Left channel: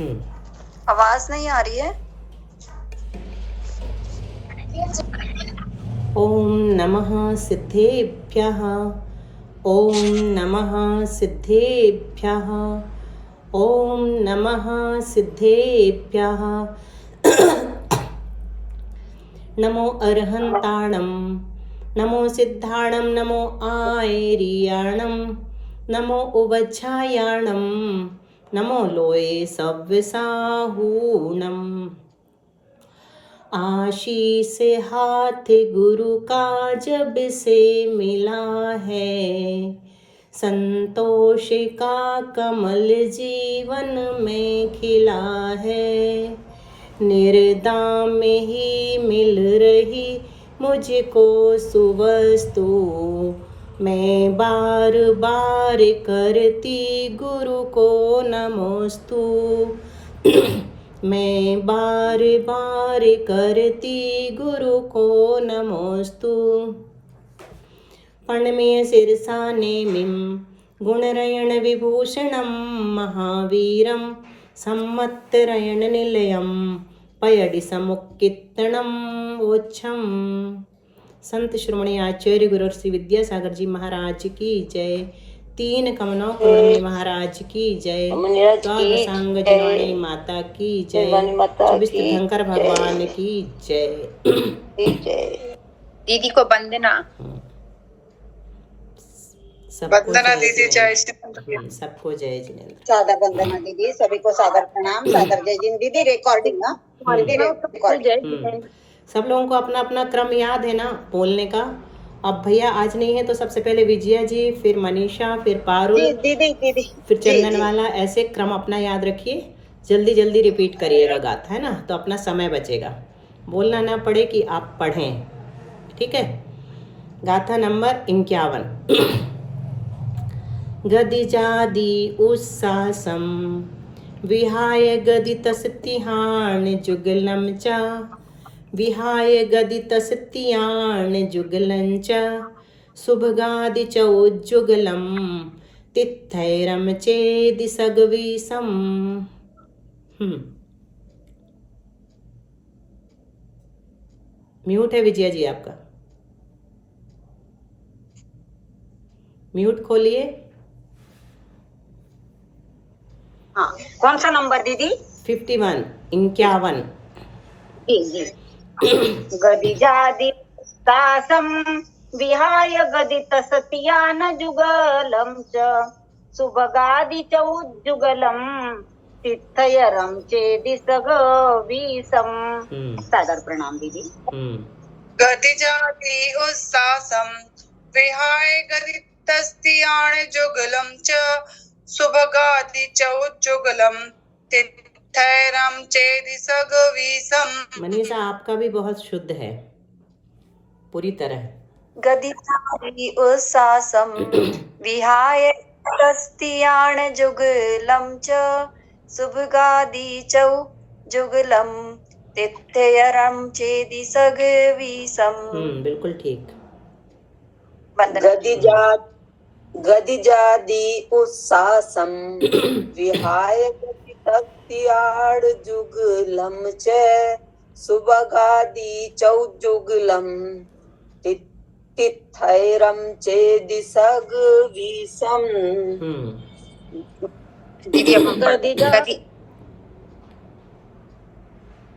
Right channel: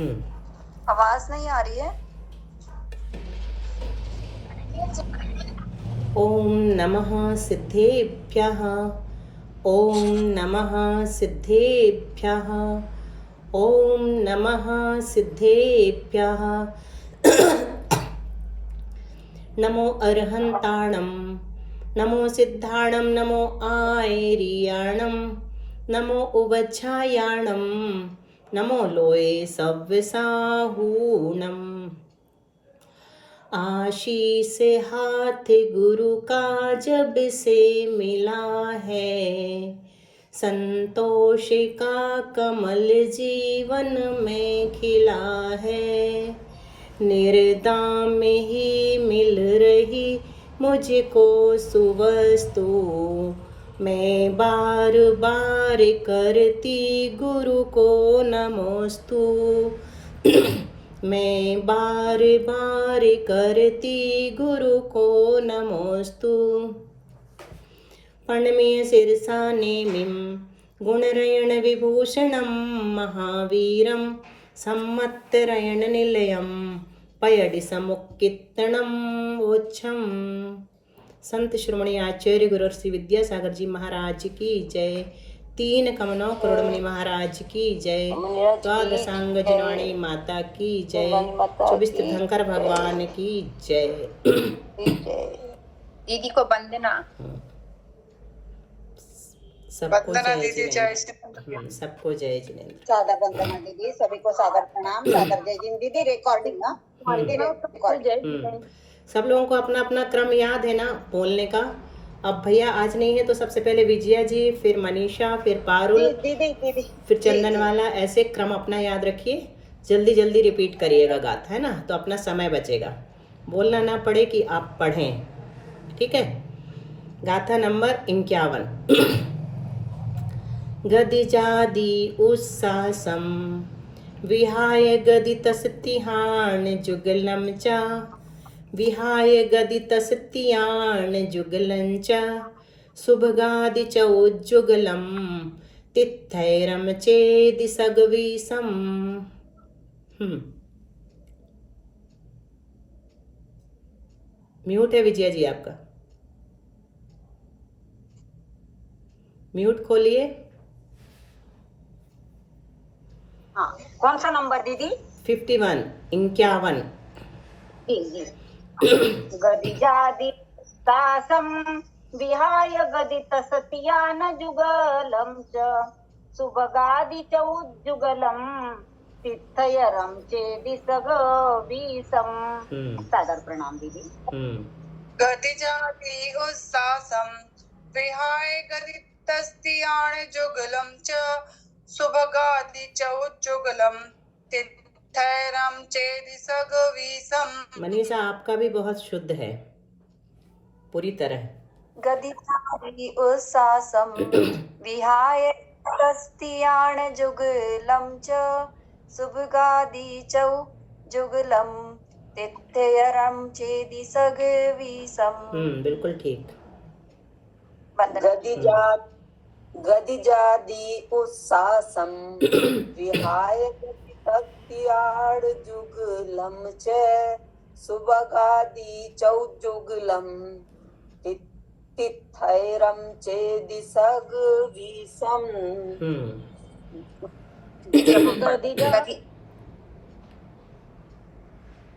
आवाज नहीं आ रही है। ओम नमः सिद्धेभ्यः। ओम नमः सिद्धेभ्यः। ओम नमः सिद्धेभ्यः। नमो अर्हन्ताणं, नमो सिद्धाणं, नमो आयर्याणं, नमो उवच्छायाणं, नमो लोये सव्यसाहूणम्। आशीष हाथ गुरु का जब से मिला है, संतोष का कमल जीवन में खिला है। निर्दाम ही मिल रही मुझको सुवस्तु, मैं बार बार करती गुरु को नमोस्तु। मैं बार बार करती गुरु को नमोस्तु। पणमेय शिरसा नेमिं गुणरयण विभूषणं, महावीरं सम्मत्तरयण निलयं, पयडि समुक्कित्तणं वोच्छम। संत श्रोमणी आचार्य गुरु श्री विद्यासागर जी महाराज की जय। 3 कमनों करोड़मणि महाराज की जय। द्वादशांग जनवाणी माता की जय। 24 तीर्थंकर भगवान की जय। दीदी को वंदना। सबको वंदना जय दीदी, जय जिनेंद्र। सबको जय जिनेंद्र। सादर वंदना दीदी, सभी को सादर प्रणाम, सादर जय जिन दीदी। रिकॉर्डिंग ना रिकॉर्डिंग। सब लोगों को अपना अपना क्रम याद है ना बोलने का। अब भैया आज नहीं है तो सबसे पहले विजया जी, फिर मनीषा, फिर पारुल, दीदी फिर चंदन वाला, ऐसे क्रम अपना याद रखिए। जल्दी जल्दी रिपीट करिएगा गाथा, है ना, तो अपना समय बचेगा। बोलना ना पड़े कि आप पढ़ें, ठीक है। गाथा नंबर 51। गदिजादि उत्सासम विहाय गदितस्तिहान जुगलं च, विहाय गदितस्तियान जुगलं च, सुभगादि च उज्जुगलं तिथैरम चेदि सगवीसम। म्यूट है विजया जी आपका, म्यूट खोलिए। हाँ, कौन सा नंबर दीदी? 51, 51। गदिजादि तासम विहाय गदित सत्यान जुगलम च, सुभगादि च उज्जुगलम तिथयरम चेदि सगवीसम। सादर प्रणाम दीदी। गतिजाति उत्सासम विहाय गदितस्तियान जुगलं च, सुभगादि च उज्जुगलं तिथैरम चेदि सगवीसम। मनीषा आपका भी बहुत शुद्ध है पूरी तरह। गदिजाति उत्सासम विहाय गदितस्तियान जुगलं च, सुभगादि च जुगलं तिथयरम चेदि सगवीसम। बिल्कुल ठीक। गदिजादि उत्सासम विहाय गदितस्तियान जुगलं च, सुभगादि चौजुगलं तिथैरम चेदि सगवीसम।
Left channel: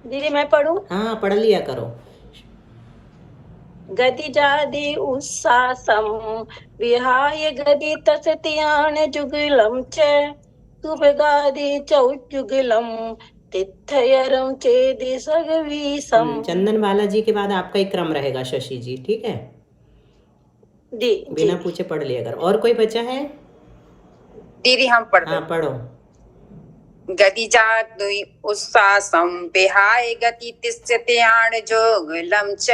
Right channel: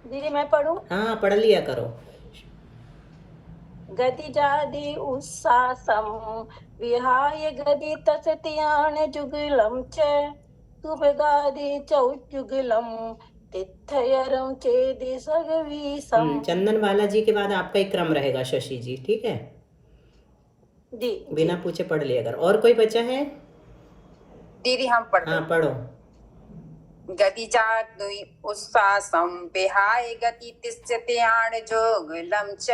दीदी मैं पढ़ूं? हाँ, पढ़ लिया करो। गदिजादि उत्सासम विहाय गदितस्तियान जुगलं च, सुभगादि चौजुगलं तिथयरम चेदि सगवीसम। चंदन वाला जी के बाद आपका ही क्रम रहेगा शशि जी, ठीक है। बिना पूछे पढ़ लिया करो। और कोई बचा है? दीदी हम पढ़। हाँ पढ़ो। गदिजादि उत्सासम विहाय गदितस्तियान जुगलं च,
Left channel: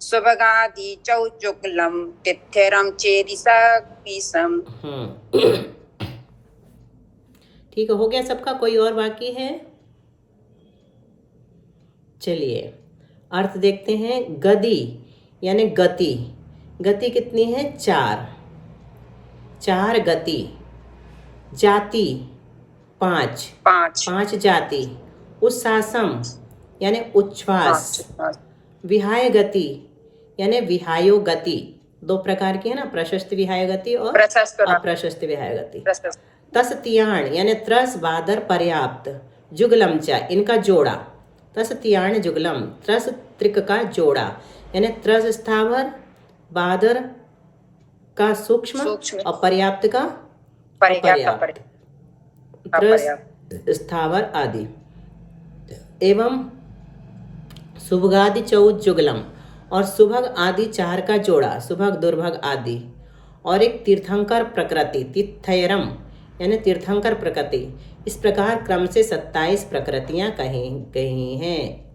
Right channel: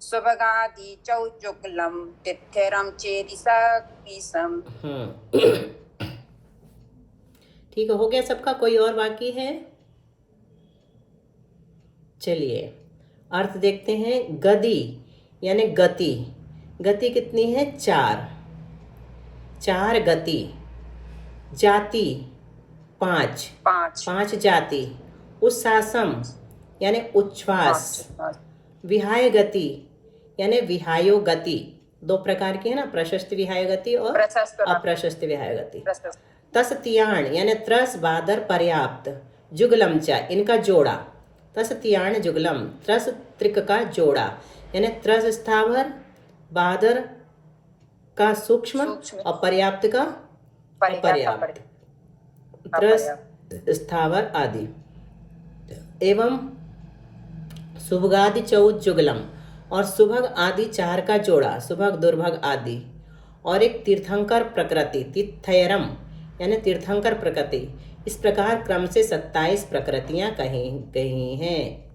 सुभगादि चौजुगलं तिथैरम चेदि सगवीसम। ठीक है, हो गया सबका? कोई और बाकी है? चलिए अर्थ देखते हैं। गति यानी गति, गति कितनी है? 4 गति। जाति पांच, पांच, पांच जाति, उच्छ्वासम यानी उच्छ्वास, पांच, विहाय गति यानी विहायो गति, दो प्रकार की है ना, प्रशस्त विहाय गति और प्रशस्त, अप्रशस्त विहाय गति। प्रशस्त, तस तियाण यानी त्रस बादर पर्याप्त, जुगलम च इनका जोड़ा, तस तियाण जुगलम त्रस त्रिक का जोड़ा यानी त्रस स्थावर, बादर का सूक्ष्म सूक्ष्म, और पर्याप्त का अपर्याप्त, त्रस स्थावर आदि, एवं सुभगादि चौद जुगलम और सुभग आदि चार का जोड़ा, सुभग दुर्भग आदि, और एक तीर्थंकर प्रकृति तिथयरम यानी तीर्थंकर प्रकृति। इस प्रकार क्रम से 27 प्रकृतियां कही गई हैं।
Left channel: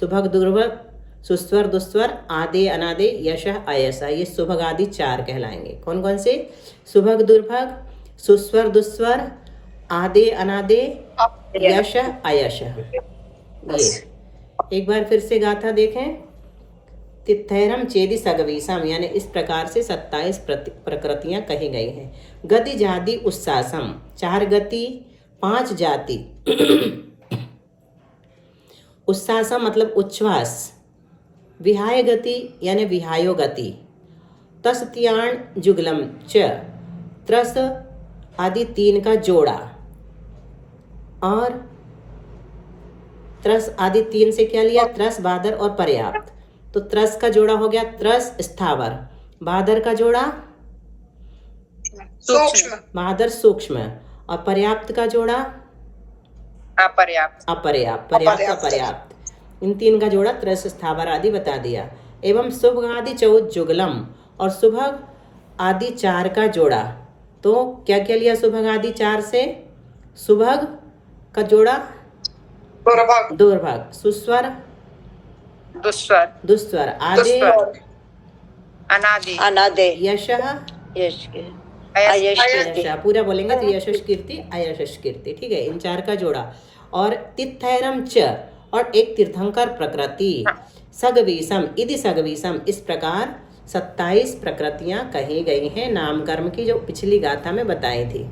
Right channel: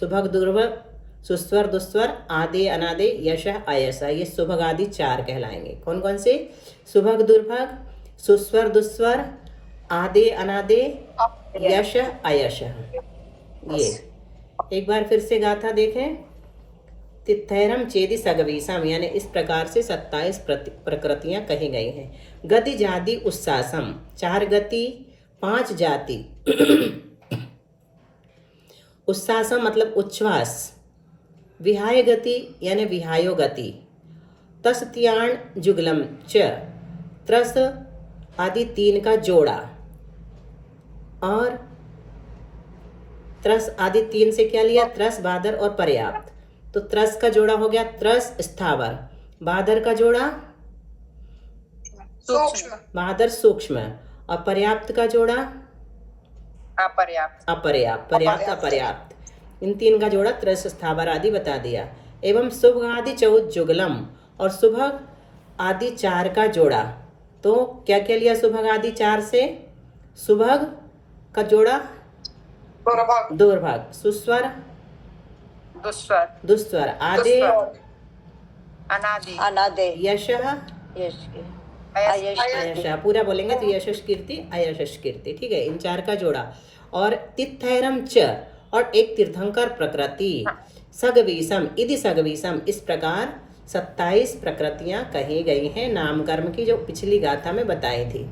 सुभग दुर्भग, सुस्वर दुस्वर, आदे अनादे, यश अयश, ये सुभग आदि चार कहलाएंगे। कौन कौन से? सुभग दुर्भग, सुस्वर दुस्वर, आदे अनादे, यश अयश। ये एक बार फिर से गाथा देखें। तिथैरम चेदि सगवीसम यानी इस प्रकार से 27 प्रकृतियां कही गई हैं। गति जाति उस्सासम, चार गति पांच जाति, उस्सासम मतलब उच्छ्वास, विहाय गति यानी विहायो गति, तस त्याण जुगलम च त्रस आदि तीन का जोड़ा, और त्रस आदि तीन से क्या लिया? त्रस बादर और पर्याप्त। तो त्रस का जोड़ा हो गया त्रस स्थावर, बादर का जोड़ा सूक्ष्म, बादर सूक्ष्म, और पर्याप्त का जोड़ा अपर्याप्त, अपर्याप्त, पर्याप्त अपर्याप्त, इन तीन का जोड़ा त्रस स्थावर आदि बता दिया। एवं सुभग आदि चौद जुगलम और सुभग आदि चार का जोड़ा। तो क्या क्या लिया सुभग आदि चार से? सुभग का जोड़ा दुर्भग, सुस्वर दुस्वर, दुस्वर, आदे अनादि, अनादे, यशः यश के, अयश, अयश, पूरा बोलेंगे तो यशश कीर्ति अयशश कीर्ति, ठीक है, इन चार का जोड़ा। और तिथैरम च और एक तीर्थंकर प्रकृति, सगवीसम इति सगवीसम, इस प्रकार 27 प्रकृतियां कही गई हैं नाम कर्म की, जो पिछली गाथा में बताई थी।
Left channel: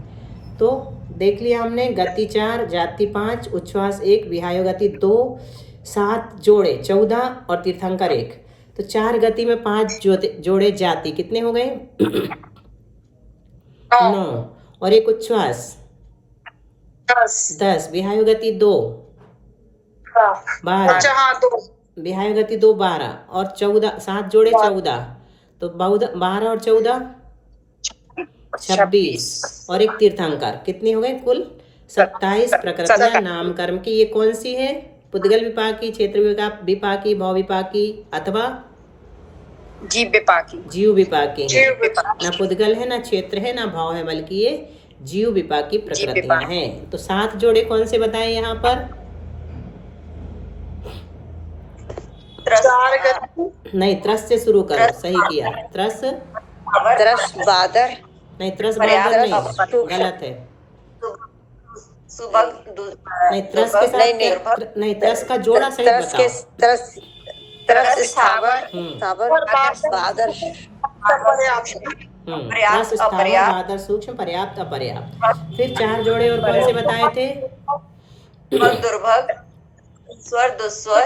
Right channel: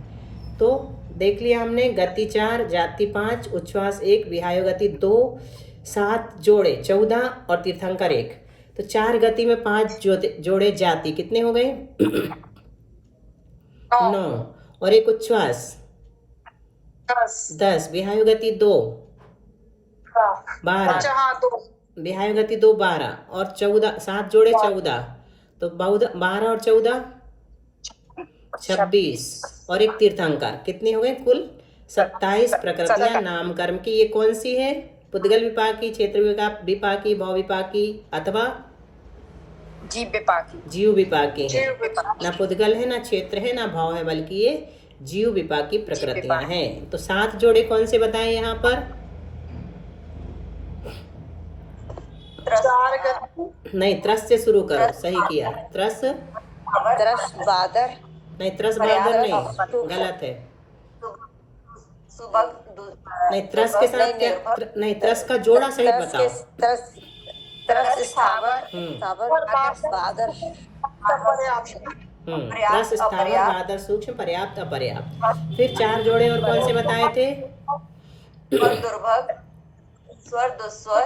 तो देख लिया हमने, गति 4, जाति 5, उच्छ्वास 1, विहायो गति 2, 7 जोड़े 14 और तीर्थंकर 1। तो 4 गति में 5 जोड़े जाति कितने हो गए? 9, और एक उच्छ्वास 10, विहायो गति 2 12, विहायो गति 2 12, और 14, 7 जोड़े 14, तो 12 और 14 26, और एक तीर्थंकर, कितने हो गए कुल? 27 प्रकृतियां नाम कर्म की। ये कौन सी है? पुद्गल विपाकी, क्षेत्र विपाकी, भाव विपाकी अथवा जीव विपाकी, जीव विपाकी है। ना पुद्गल है, ना क्षेत्र है, ना भाव है, बल्कि ये जीव विपाकी प्रकृतियां हैं। तो 7 जोड़े कौन से बताए यहाँ पर? नहीं, त्रस से शुरू करो, सही किया। त्रस बादर, नहीं, त्रस बादर नहीं, गलत है। नहीं, त्रस के साथ क्या? नहीं, त्रस का जोड़ा सहित बताओ। त्रस स्थावर, बादर, त्रस स्थावर, बादर सूक्ष्म, पर्याप्त अपर्याप्त। फिर 4 जोड़े और कौन से बताए थे? दुर्भग, स्वर दुस्वर,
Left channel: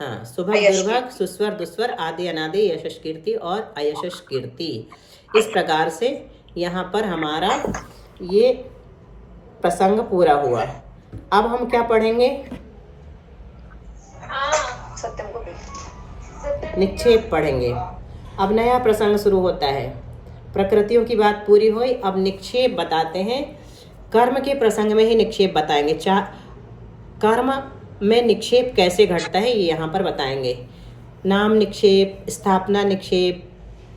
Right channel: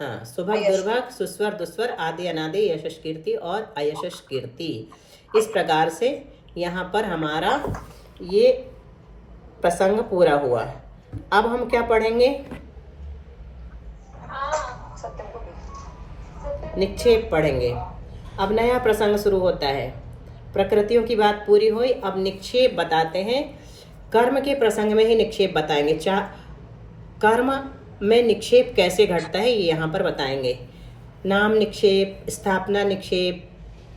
हाँ, सुभग दुर्भग, सुस्वर दुस्वर, आदि अनादि, यशश कीर्ति और अयशश कीर्ति। इस प्रकार से यहाँ पर हमारा ये प्रसंग पूरा हुआ। अब हम क्या पढ़ेंगे? निक्षेप पढ़ेंगे। अब नया प्रसंग शुरू होता है। प्रकृतियों की बात पूरी हुई, अब निक्षेप बताते हैं। कर्म के प्रसंग में ही निक्षेप बताएंगे। कर्म में निक्षेप कैसे घटता है ये यहाँ पर बताएंगे। नाम निक्षेप, स्थापना निक्षेप,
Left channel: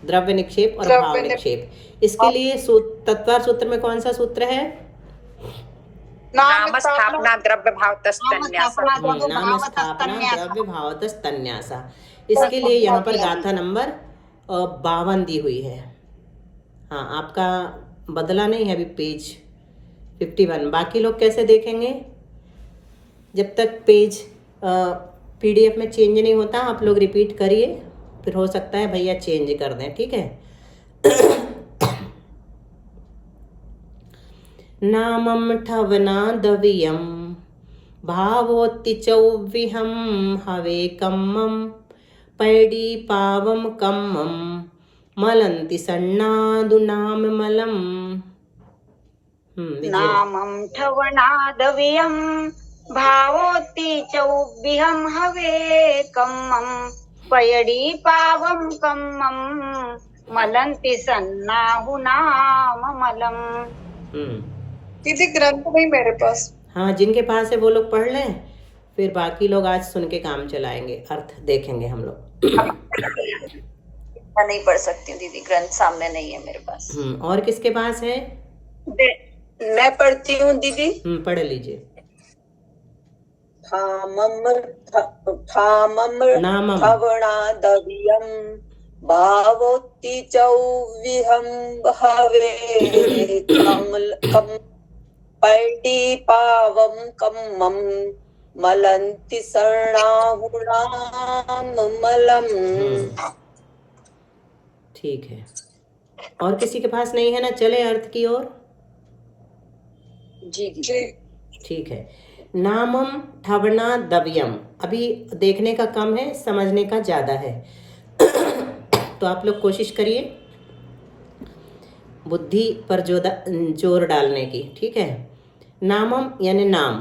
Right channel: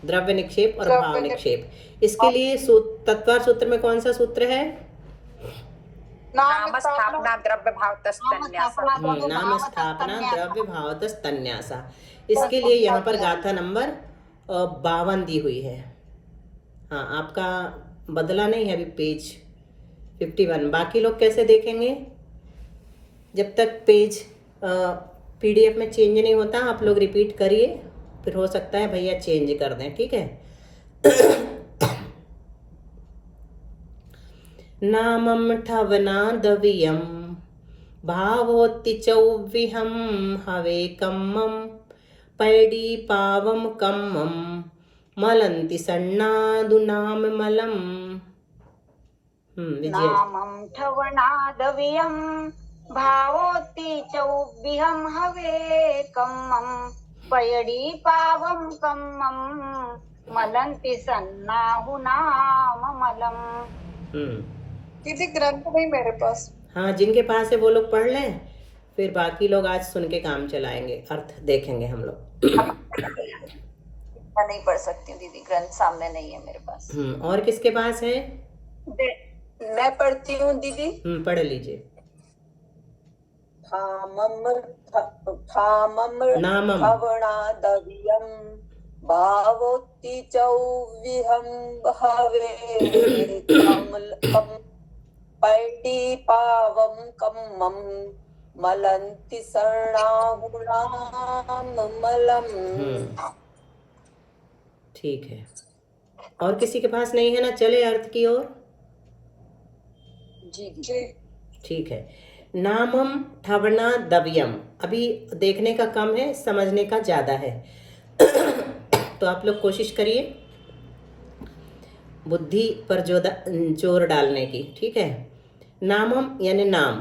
द्रव्य निक्षेप और भाव निक्षेप। इसके लिए तत्वार सूत्र में कौन सा सूत्र है? नाम स्थापना द्रव्य भावतस्तन्यासा, नाम स्थापना द्रव्य भावतस्तन्यासा। इसके लिए यहाँ पर गाथा नंबर 52 दी हुई है। हाँ, आपका बदला नहीं है अभी, पेज 51। बाकी लोग कैसे देखेंगे? जब तक पेज PDF में चेंज नहीं होता आप लोग रिपीट करिए, फिर हो सकता है भैया चेंज कर दें, ठीक है। नामं ठवनादवियं भावोत्ति चौविहं हवेकम्मं पैडी पावम कम्मं मलन्ति सन्नादु नाम मलम। विजय। नामं ठवनादवियं भावोत्ति चौबिहं हवे कम्मं पयडी पावं कम्मं मलन्ति सन्नाहु नाम मलम। दीदी ग्रंथ नहीं मेरे पास। हाँ, जिनके पास है वो लोग पढ़ लें, फिर बाकी लोग आज सुन के काम चलाएंगे, अर्थ देखेंगे हम लोग। मैं नहीं पढ़ सकती हूँ दीदी, ग्रंथ सामने नहीं है मेरे पास। और किसके पास है? मैं पढ़ती हूँ दीदी। पढ़ लीजिए। नामम ठवनादवियं भावोत्ति चौविहं हवे पैडी पावम कम्मं मलन्ति सर्णाहु नाम मलम। ठीक है। और किसी के पास नहीं है ना? चले अर्थ की ओर। जी जी ठीक है। नामम ठवना दव्यम, अभी देखने का कम है, समझने का ज़्यादा है। तो आप लोग कोशिश करिए बुद्धि पर जोर डालने की। ठीक है। नामम यानी नाम,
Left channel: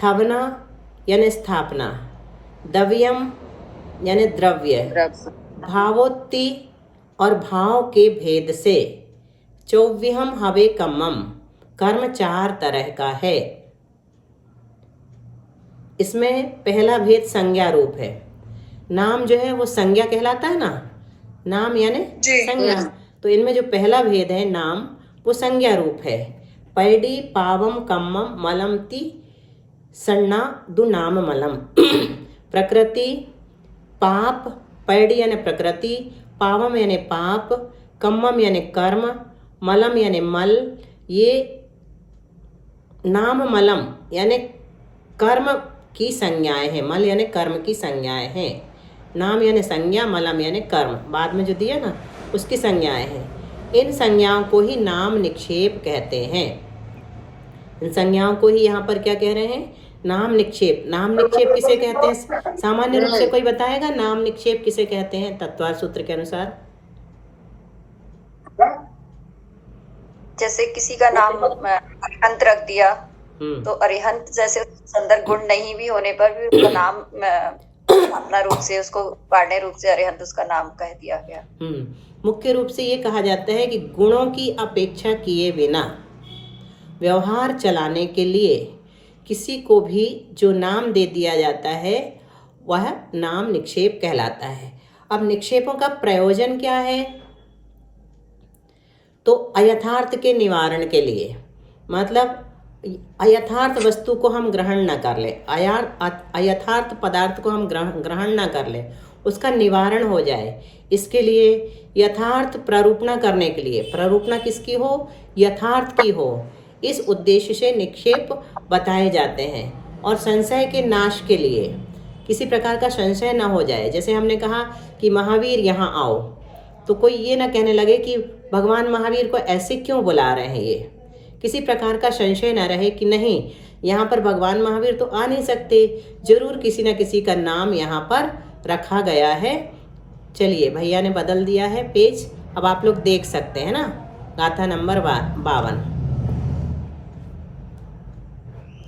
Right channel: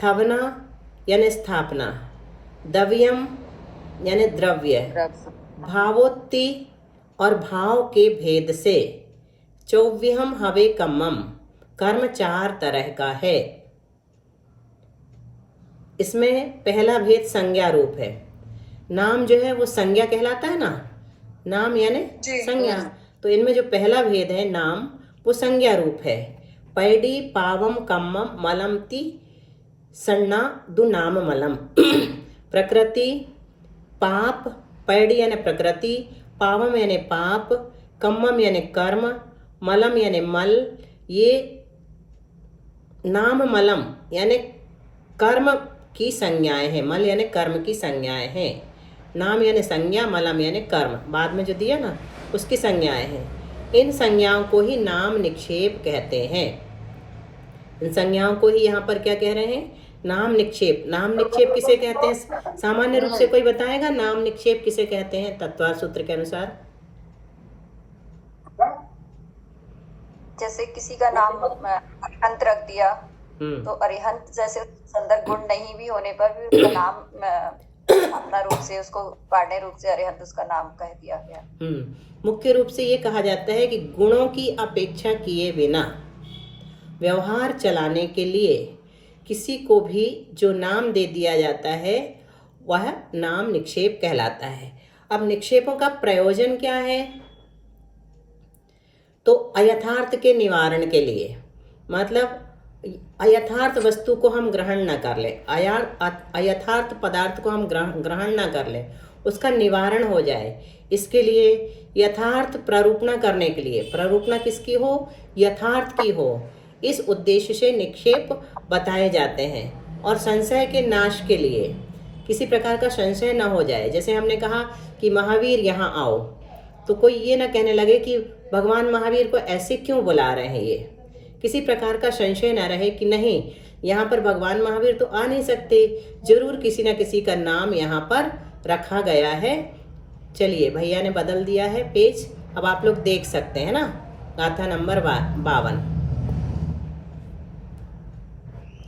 ठवना यानी स्थापना, दव्यम यानी द्रव्य, भावोत्ति और भाव के भेद से, चौव्यहम हवे कम्मम, कर्म 4 तरह का है। इसमें पहला भेद संज्ञा रूप है। नाम जो है वो संज्ञा कहलाता है ना, नाम यानी संज्ञा। तो इनमें जो पहला भेद है नाम, वो संज्ञा रूप है। पैडी पावम कम्मम मलमति सन्ना दु नाम मलम। प्रकृति, पाप, पैडी यानी प्रकृति, पावम यानी पाप, कम्मम यानी कर्म, मलम यानी मल, ये नाम मलम यानी कर्म की संज्ञाएं हैं। मल यानी कर्म की संज्ञाएं हैं। नाम यानी संज्ञा, मलम यानी कर्म, बाद में जो दिया ना उसकी संज्ञाएं हैं। इन संज्ञाओं को ही नाम निक्षेप कहते हैं। इन संज्ञाओं को ही यहाँ पर क्या कह रहे हैं? नाम निक्षेप। नाम निक्षेप किसे कहते हैं? सामान्य रूप से कोई बताएगा नाम निक्षेप किसे कहते हैं तत्वार सूत्र के अनुसार? जैसे किसी का नाम अरिहंत रख दिया, तो अरिहंत जैसे संदर्भ गुण नहीं भी होने पर भी उसका नाम अपना रूप से, उसको पाढ़े रूप से अरिहंत उसका नाम कह दिया गया। मुख्य रूप से ये कहा जाता है कि गुणों की अपेक्षा किए बिना व्यवहार चलाने के लिए किसी को भी जो नाम दे दिया जाता है वह नाम निक्षेप कहलाता है। अब निक्षेपों का प्रयोजन क्या है? तो अयथार्थ के निवारण के लिए, मतलब अयथार्थ वस्तु को हम ग्रहण न कर ले, अयथार्थ पदार्थ को हम ग्रहण न कर ले, उसका निवारण हो जाए, इसके लिए यथार्थ प्रारूपणा करने के लिए, प्रारूपणा किसकी हो? यथार्थ की हो। इस उद्देश्य से निक्षेप बताए जाते हैं। और संशय के नाश के लिए, किसी प्रकार का संशय न हो जाए। जैसे हमने कहा कि महावीर यहाँ आओ, तो कोई ये ना कहने लगे कि भगवान महावीर को ऐसे क्यों बुला रहे हैं। ये किसी प्रकार का संशय ना रहे कि नहीं, यहाँ पर भगवान महावीर तो आ नहीं सकते, जरूर किसी न किसी का नाम यहाँ पर रखा गया है। चलिए, भैया ने बदल दिया है पेज, अब आप लोग देख सकते हैं ना। गाथा नंबर 52।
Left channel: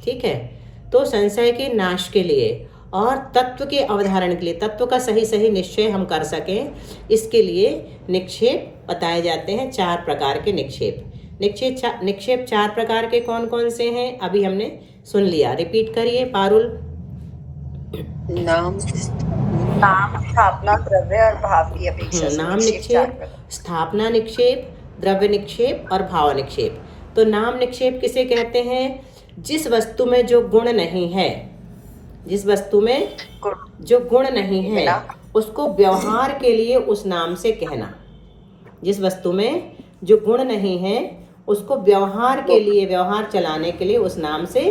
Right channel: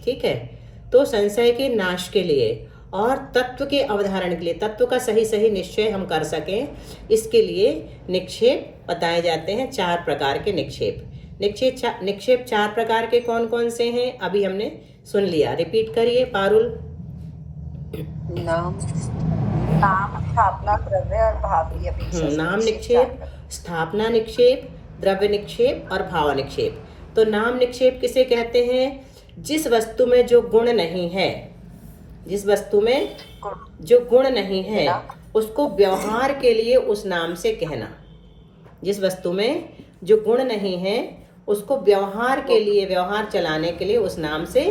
ठीक है। तो संशय के नाश के लिए और तत्व के अवधारण के लिए, तत्व का सही सही निश्चय हम कर सकें, इसके लिए निक्षेप बताए जाते हैं। 4 प्रकार के निक्षेप। निक्षेप 4 प्रकार के कौन कौन से हैं अभी हमने सुन लिया। रिपीट करिए पारुल। नाम, स्थापना, द्रव्य और भाव की अपेक्षा। नाम निक्षेप, स्थापना निक्षेप, द्रव्य निक्षेप और भाव निक्षेप। तो नाम निक्षेप किसे कहते हैं? जिस वस्तु में जो गुण नहीं है, जिस वस्तु में जो गुण नहीं है उसको व्यवहार के लिए उस नाम से कहना। जिस वस्तु में जो गुण नहीं है उसको व्यवहार के लिए, व्यवहार चलाने के लिए उस नाम से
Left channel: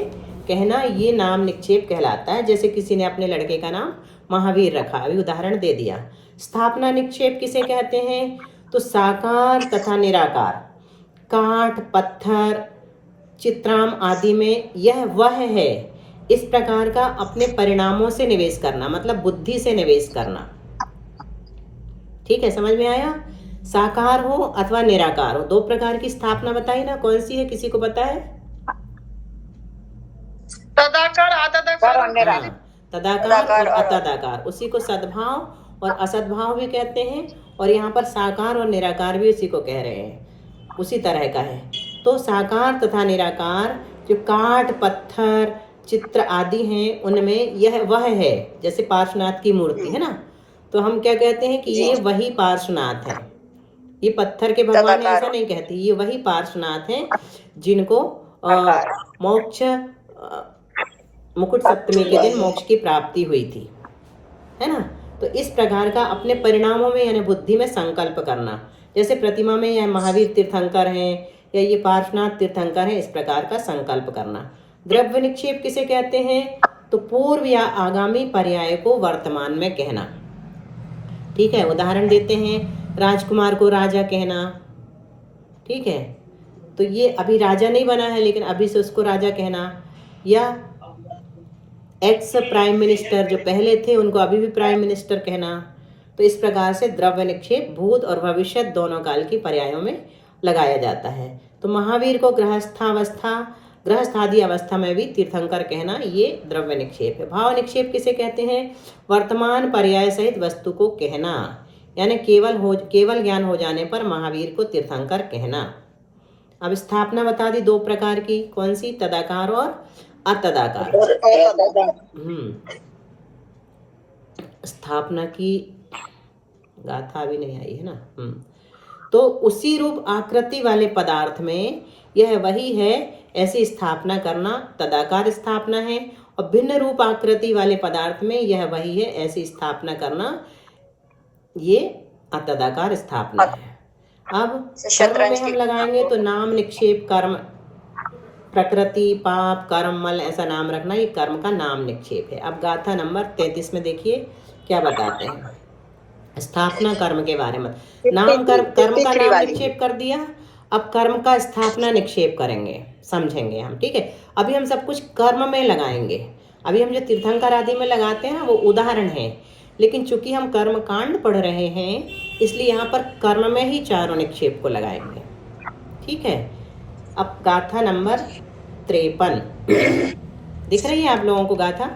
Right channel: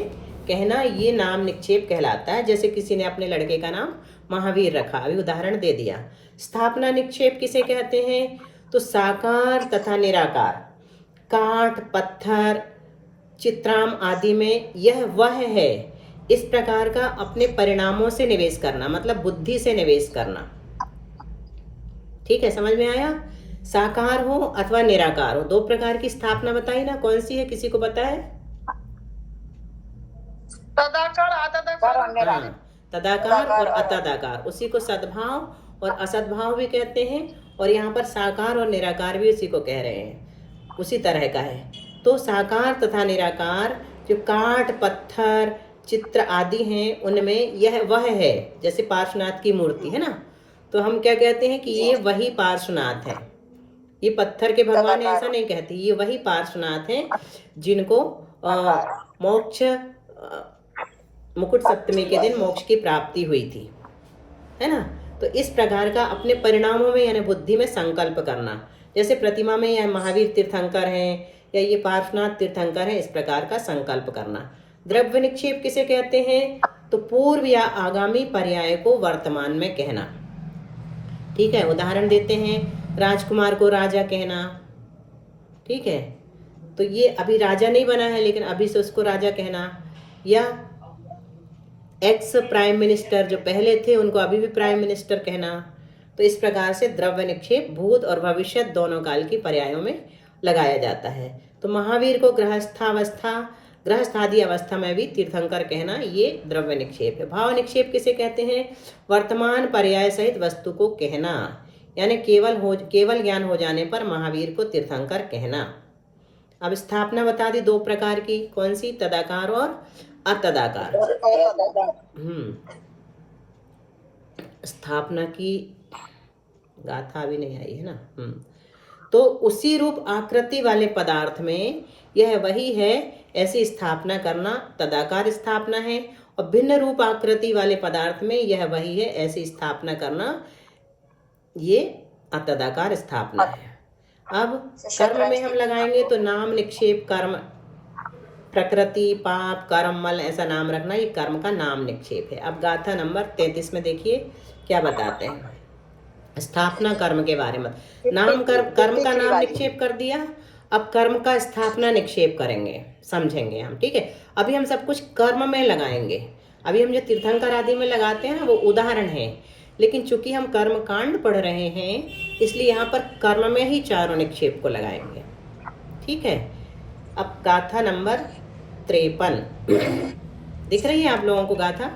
कहना, ये नाम निक्षेप कहलाता है। जैसे किसी ने अपने लड़के का नाम महावीर रखा, अभी उदाहरण दे दिया। स्थापना निक्षेप किसे कहते हैं? तो साकार तथा निराकार, काठ, पत्थर, चित्राम आदि में यह वह है, इस प्रकार का अपने परिणामों से निवेश करना, मतलब बुद्धि से निवेश करना। ठीक है, समझ में आया? साकार हो अथवा निराकार हो, दो प्रकार की स्थापना बताई ना, कौन सी है, किसी को पता है? तदाकार आतदाकार और निराकार। हाँ, तदाकार और अतदाकार, उसी को सद्भाव और असद्भाव भी कहते हैं, और यहाँ पर साकार और निराकार भी उसी को कह रहे हैं, उसी तरह का है। तो साकार तथा निराकार जो काठ पत्थर चित्र आदि हैं, उनमें यह वह है, जैसे पार्श्वनाथ की मूर्ति है ना, तो हम क्या कहते हैं कि ये वही पार्श्वनाथ है। ये पत्थर के भगवान ऐसा नहीं कहते, ये वही पार्श्वनाथ हैं जिनको मोक्ष मुकुट सप्तमी के दिन मोक्ष की प्राप्ति हुई थी, है ना। तो इस प्रकार का अपने परिणामों में यानी बुद्धि में संकल्प करना, जैसे प्रतिमा में यह महावीर तीर्थंकर हैं या ये पार्श्वनाथ तीर्थंकर हैं, इस प्रकार का संकल्प करना। द्रव्य निक्षेप किसे कहते हैं? तो पूर्व या आगामी पर्याय को वर्तमान में कहना। ठीक है, उदाहरण देते हैं, राजकुमार को राजा कहना। ठीक है, तो ये अभी राजा नहीं बना है लेकिन अभी से उसको राजा कहना, या एक्स प्राइम मिनिस्टर जो पहले थे उनको अभी भी प्राइम मिनिस्टर कहना। तो इस प्रकार से द्रव्य निक्षेप भूत और भविष्य दोनों काल की पर्यायों में लगाया जाता है। तो महावीर को गृहस्थादि अवस्था में भी तीर्थंकर कहना, ये द्रव्य निक्षेप है। भाव निक्षेप किसे कहते हैं? वर्तमान पर्याय सहित वस्तु को कहना, यानी केवल ज्ञान हो जाने पर महावीर को तीर्थंकर कहना। अब स्थापना बता दी दो प्रकार की, कौन सी? तदाकार और अतदाकार। स्थापना की गाथा भी नहीं आई है ना। तो उसी रूप आकृति वाले पदार्थ में यह वही है, ऐसी स्थापना करना तदाकार स्थापना है, और भिन्न रूप आकृति वाले पदार्थ में यह वही है, ऐसी स्थापना करना ये अतदाकार स्थापना है। अब कर्म में हम लगाएंगे तो नाम निक्षेप कर्म, प्रकृति पाप कर्म मल ऐसा नाम रखना, ये कर्म का नाम निक्षेप है। अब गाथा नंबर 33 में देखिए क्या बताते हैं स्थापना कर्म के बारे में। नाम कर्म का नाम निक्षेप कर दिया, अब कर्म का स्थापना निक्षेप करेंगे, समझेंगे हम। ठीक है, अभी हम सब कुछ कर्म में लगाएंगे। अभी हम जो तीर्थंकर आदि में लगाते हैं वो उदाहरण है, लेकिन चूंकि हम कर्म कांड पढ़ रहे हैं इसलिए यहाँ पर कर्म में ही चारों निक्षेप को लगाएंगे। ठीक है, अब गाथा नंबर 53 दिख रही है आप लोगों को गाथा?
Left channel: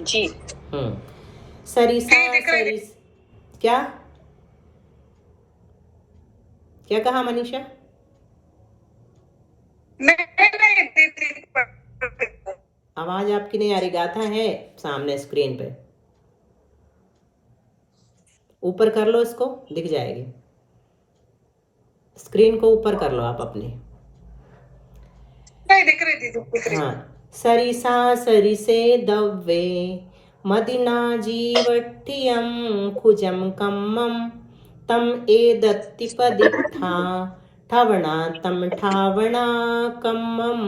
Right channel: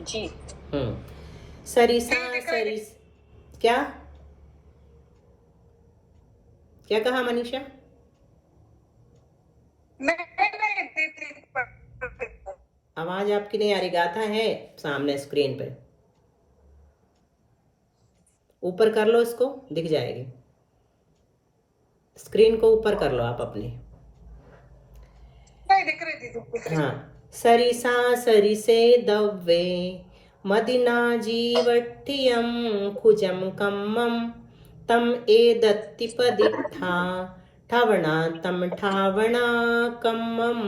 जी। सरिसा सरिस क्या क्या कहा मनीषा? आवाज आपकी नहीं आ रही। गाथा है सामने स्क्रीन पे, ऊपर कर लो इसको, दिख जाएगी। स्क्रीन को ऊपर कर लो आप अपनी। दिख रही थी। हाँ, सरिसा सरिसे दव्वे मदिना जीवट्ठियम खुजम कम्मम तम एदत्ति पदित्था ठवणा तम ठावणा कम्मम।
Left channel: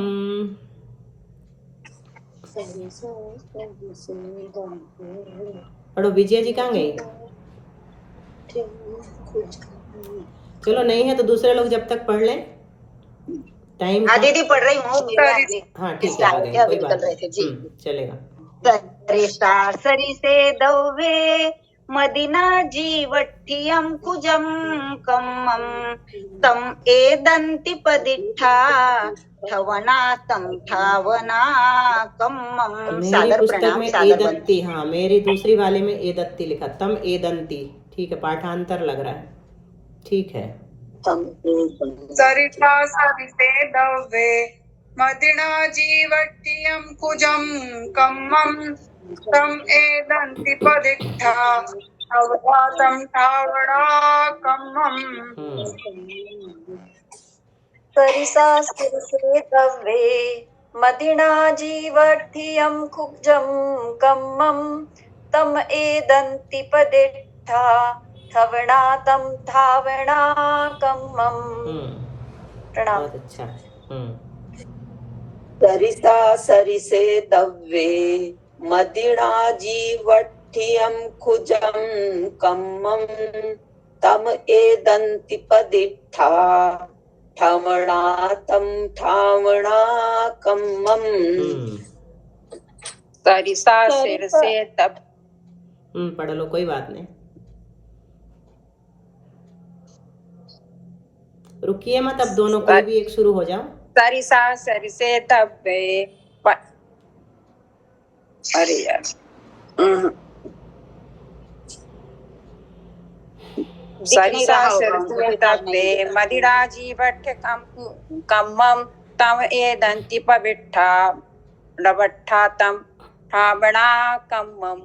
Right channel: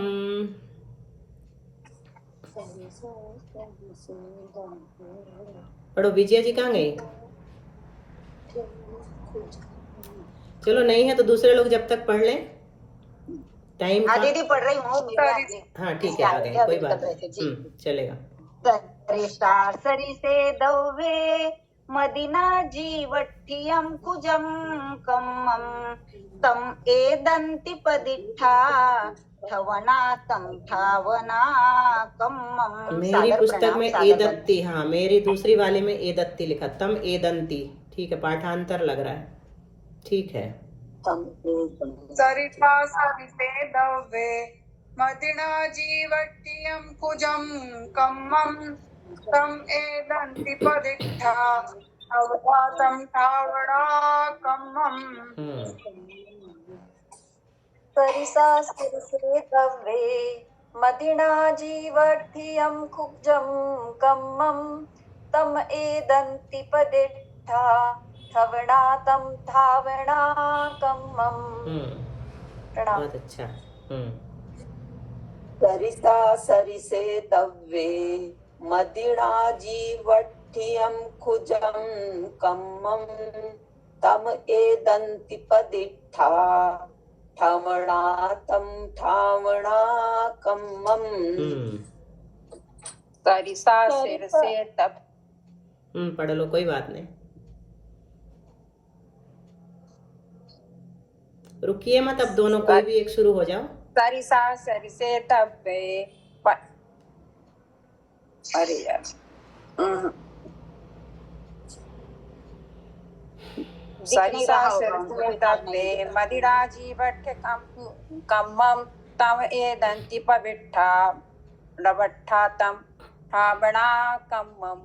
पढ़ो, विजय जी कहाँ गई? चलो नहीं है तो दूसरे लोग जब तक पढ़ लें, टाइम का। दीदी पढ़ रही हूँ। हाँ ठीक है, आ गए, कोई बात नहीं, चलेगा। सरिसा सरिसे दव्वे मदिना जीवट्ठियम कुजम कम्मम तम एदन्ति पदिट्ठा ठवना तम ठावना कम्मम। मेरी पुस्तक में एदत्ति, हाँ मेरी दूसरी वाले में एदत्ति लिखा, तम एदंती। ठीक है, पाठांतर लग रहा है, ठीक है। सरिसा सरिसे दव्वे मदिना जीवट्ठियम कुजम कम्मम तम एदन्ति पदिट्ठा ठवना ठावणा कम्मम। सरिसा सरिसे दव्वे मदिना जीवट्ठियम कुजम कम्मम तम एदन्ति पदिट्ठा ठवणा तम ठावणा कम्मम। बहुत अच्छा। सरिसा सरिसे दव्वे मदिना जीवट्ठियम खुजम कम्मम तम एदन्ति पदिट्ठा ठमणातं ठावणाकम्मम् सरिसा सिर से तब पढ़ लो, कोई बात नहीं, रुकिए मत, अब दोनों कोई भी एक शुरू हो जाओ। सरिसा सिर से तब अरे यार सरिसा सिर से तब मदिरा जीवठ कम्मम तम एदंति पविट्ठा लवट्ठा तम ठावणा कम्मम।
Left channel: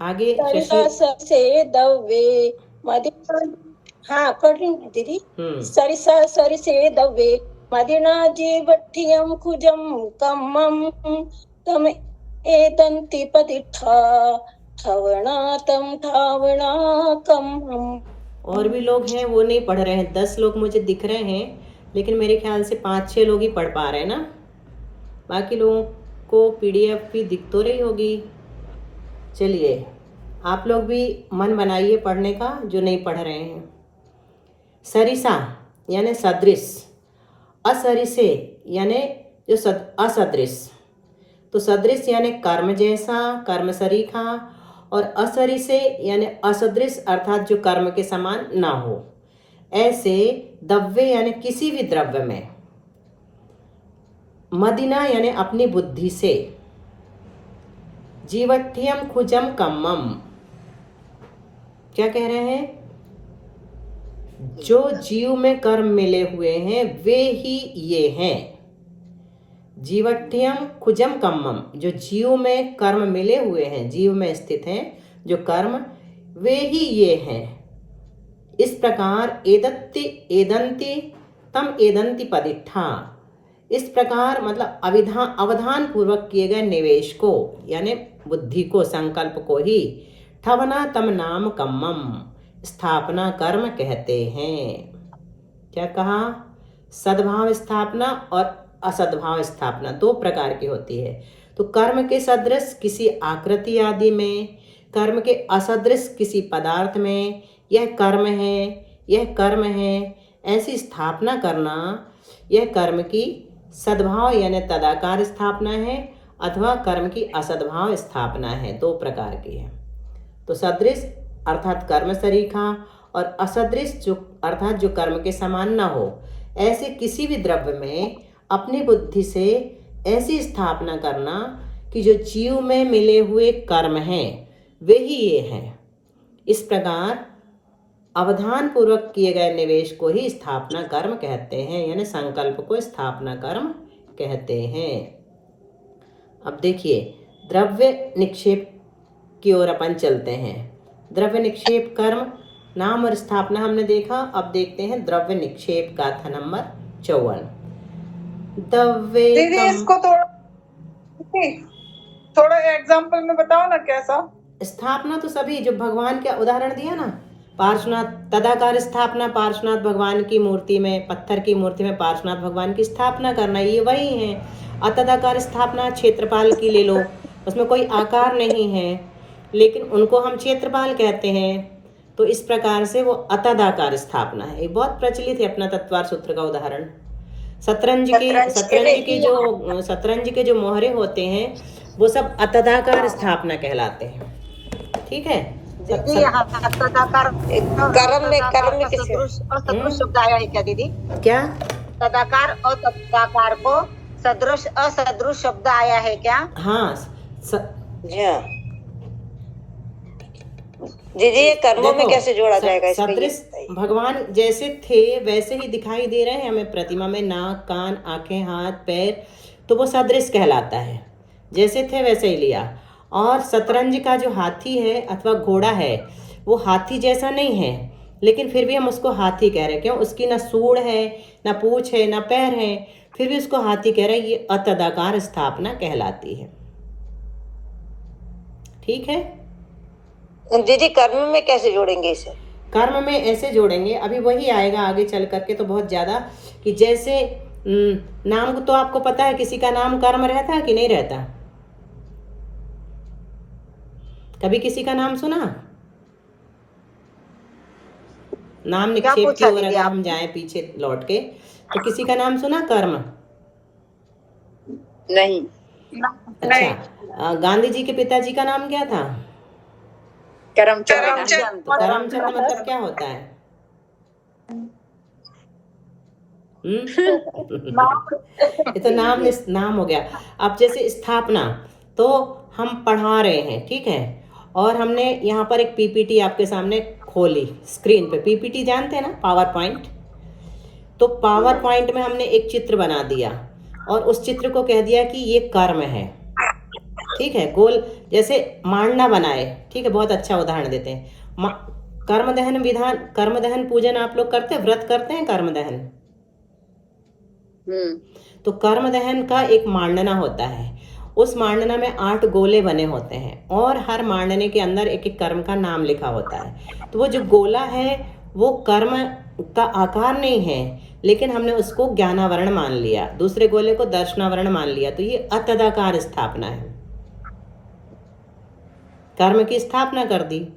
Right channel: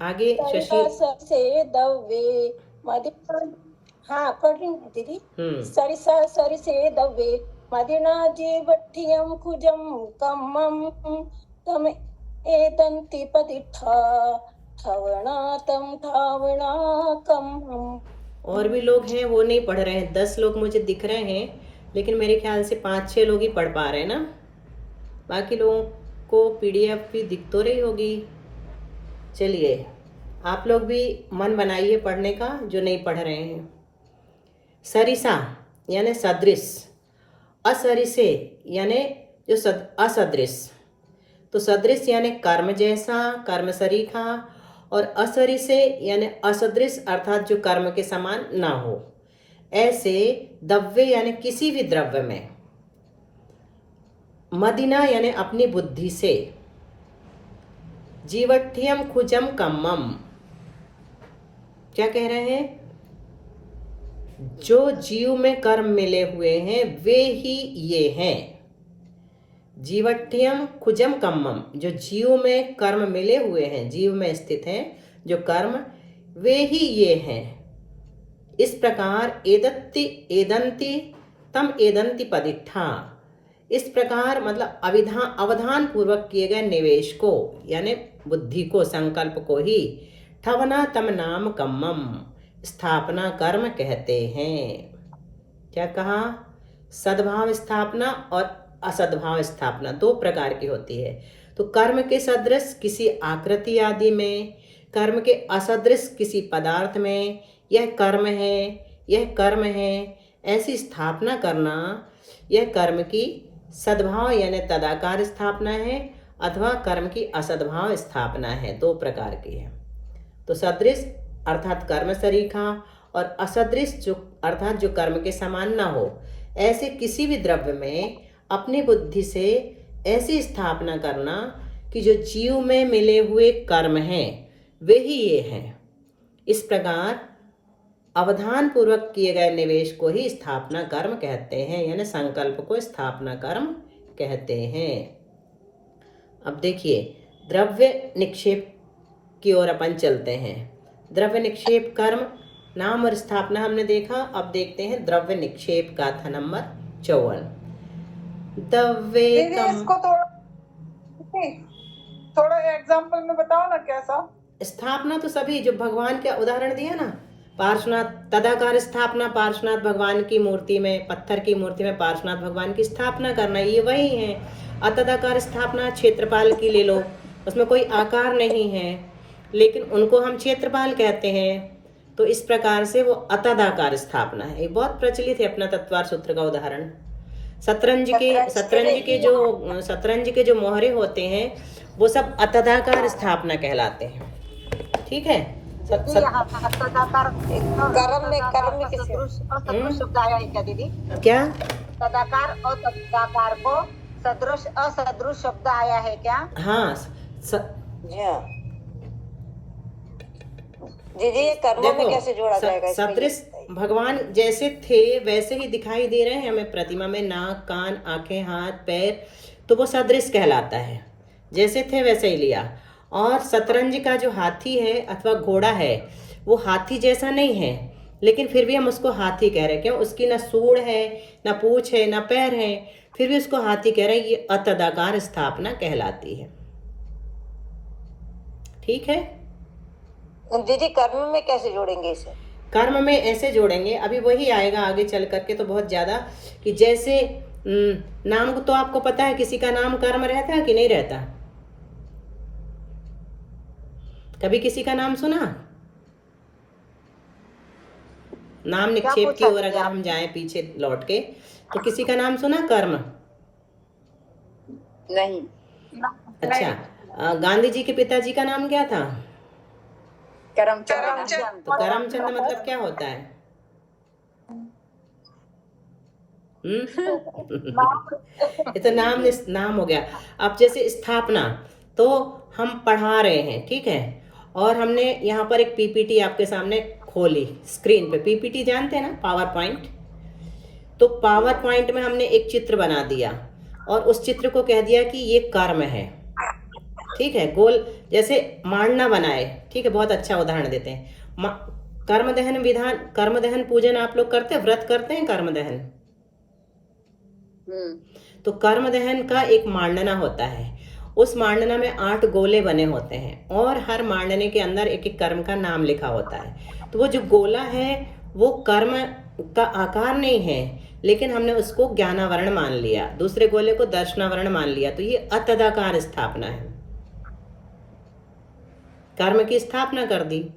आगे शशि से दव्वे मदिना, हाँ पढ़ रही हूँ दीदी। सरिसा सरि से दव्वे मदिना जीवठ्ठियम खुजम कम्मम तम एदंति पतिठा ठवणा तम ठावणा कम्मम। और भी लोग हैं वो नहीं पढ़ रहे हैं, 10 लोग मुझे दिख रहे हैं, लेकिन मेरे ख्याल से 5-6 लोग ही पढ़ पा रहे हैं ना, बाकी लोगों को PDF भी दिख तो रही होगी। चलिए आप लोग भी मन बनाइए पढ़ने का जो नहीं पढ़ रहे हैं। सरिसा यानी सदृश, असरिसे यानी जो असदृश। तो सदृश यानी कर्म जैसा, कर्म सरीखा, और असरिसे यानी असदृश अर्थात जो कर्म के समान ना हो। ऐसे द्रव्य यानी किसी भी द्रव्य में, मदिना यानी अपनी बुद्धि से, जीवठ्ठियम खुजम कम्मम, क्या कह रहे हैं, जो जीव में कर्म मिले हुए हैं वे ही ये हैं। जीवठ्ठियम खुजम कम्मम, जो जीव में कर्म मिले हुए हैं, जीव में स्थित हैं जो कर्म, वे ही ये हैं। इस प्रकार एदत्ति एदंति तम एदंति पदिट्ठा, इस प्रकार मतलब अवधान पूर्वक किए गए निवेश को यानी बुद्धि को, संकल्प को ही ठवना तम नाम कम्मम, स्थापना कर्म कहते हैं। क्या कहा, सद्भाव स्थापना और असद्भाव स्थापना 2 प्रकार की होती है। तो कर्म के सदृश किसी आकृति आदि में, कर्म के असदृश किसी पदार्थ में, यह कर्म है, यह कर्म है, ऐसी स्थापना करना, यह कर्म की सद्भाव यानी तदाकार स्थापना है अथवा कर्म की असद्भाव स्थापना है। 2 प्रकार की है। तो सदृश अर्थात कर्म सरीखा, और असदृश जो अर्थात जो कर्म के समान ना हो, ऐसे किसी भी द्रव्य में अपनी बुद्धि से ऐसी स्थापना करना कि जो जीव में मिले हुए कर्म हैं वे ही ये हैं। इस प्रकार अवधान पूर्वक किए गए निवेश को ही स्थापना कर्म कहते हैं, यानी संकल्प को स्थापना कर्म कहते हैं। अब देखिए द्रव्य निक्षेप की ओर अपन चलते हैं। द्रव्य निक्षेप कर्म, नाम और स्थापना हमने देखा। अब देखते हैं द्रव्य निक्षेप गाथा नंबर 54। द्रव्य इसको थोड़ा एग्जाम्पल में बताओ ना कैसा। स्थापना तो सभी जो भगवान का उदाहरण दिया ना, पार्श्वनाथ तदाकार स्थापना, पार्श्वनाथ भगवान की मूर्ति में, पत्थर की मूर्ति में पार्श्वनाथ भगवान की स्थापना करना, ये वही है। अतदाकार स्थापना क्षेत्रपाल की ले लो, उसमें कोई आकार नहीं है लेकिन उनको हम क्षेत्रपाल कहते हैं। तो इस प्रकार से वो अतदाकार स्थापना है। ये बहुत प्रचलित है अपना तत्वार सूत्र का उदाहरण। शतरंज के जो मोहरे होते हैं वो सब अतदाकार स्थापना कहलाते हैं। ठीक है। कर्म में सदृश शब्द आया है क्या दीदी? क्या तदाकार और तदाकार को सदृश असदृश शब्द आया है क्या? हाँ जी ये कर्मों में कैसे जोड़ा जाएगा? सदृश भगवान जैसे थे वैसे ही दिखाई दे रहे हैं हमें प्रतिमा में, नाक, कान, आंखें, हाथ, पैर, तो वो सदृश कहलाता है। जैसे थे वैसे ही लिया। और शतरंज का जो हाथी है अथवा घोड़ा है वो हाथी जैसा नहीं है लेकिन फिर भी हम उसको हाथी कह रहे हैं। क्यों? उसकी ना सूंड है, ना पूंछ है, ना पैर है, फिर भी उसको हाथी कह रहे हैं। ये अतदाकार स्थापना कहलाती है। ठीक है दीदी, कर्म में कैसे जोड़ेंगे इसे? कर्म में ऐसे जोड़ेंगे, अभी वही आएगा आगे चल करके तो बहुत ज़्यादा, कि जैसे नाम को तो आपको पता है किसी का नाम कर्म रहता है कि नहीं रहता? कभी किसी का नाम सुना? नाम निक्षेप की ओर अगर हम जाएं पीछे लौट के, तो किसी का नाम सुना कर्म? नहीं। अच्छा, गांधी जी के पिताजी का नाम क्या था? करमचंद। तो करमचंद मतलब क्या होता है? ये तो नाम हो गया। अब जैसे स्थापना, तो हम पढ़ा रहे हैं, ठीक है, और हमने यहाँ पर एक पीपीटी आपके सामने खोली स्क्रीन पे। पीपीटी जानते हैं ना, पावर पॉइंट। तो पावर पॉइंट में हमने एक चित्र बना दिया और उस चित्र को कह दिया कि ये कर्म है, ठीक है। गोल जैसे मांडना बनाए, ठीक है, बहुत अच्छा उदाहरण देते हैं। कर्म दहन विधान, कर्म दहन पूजन आप लोग करते हैं, व्रत करते हैं कर्म दहन। तो कर्म दहन का एक मांडना होता है। उस मांडना में 8 गोले बने होते हैं और हर मांडने के अंदर एक एक कर्म का नाम लिखा होता है। तो वो जो गोला है वो कर्म का आकार नहीं है, लेकिन हमने उसको ज्ञानावरण मान लिया, दूसरे गोले को दर्शनावरण मान लिया। तो ये अतदाकार स्थापना है, कर्म की स्थापना कर दी।